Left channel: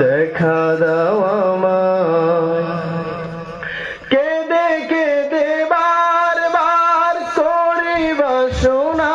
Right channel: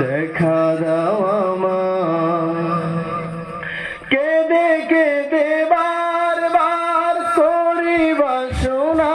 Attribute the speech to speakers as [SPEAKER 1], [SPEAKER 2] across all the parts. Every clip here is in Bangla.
[SPEAKER 1] দেখা দাও আমার কেঁদে কেঁদে বারবার করি বাসনা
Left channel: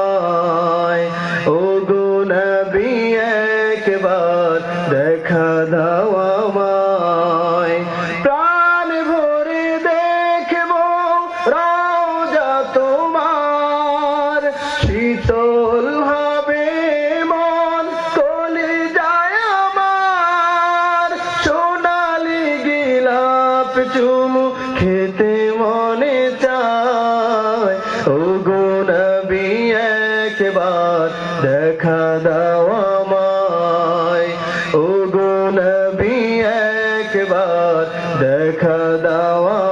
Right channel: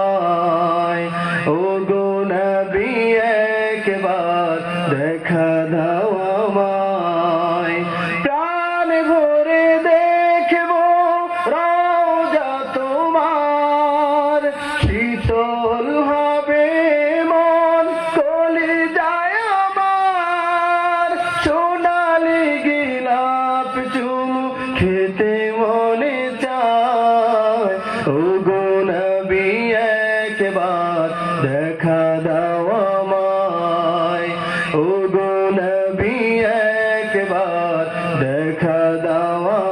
[SPEAKER 1] নবী একবার, দেখা দাও আমায়। প্রাণ ভরে দেখব রওজা তোমার। শীতল হবে মন, কলি যায় আমার। সোনালি গিলাপ চুম খেতে মনে চায়। ও গো নবী, একবার দেখা দাও একবার দেখা দেওয়া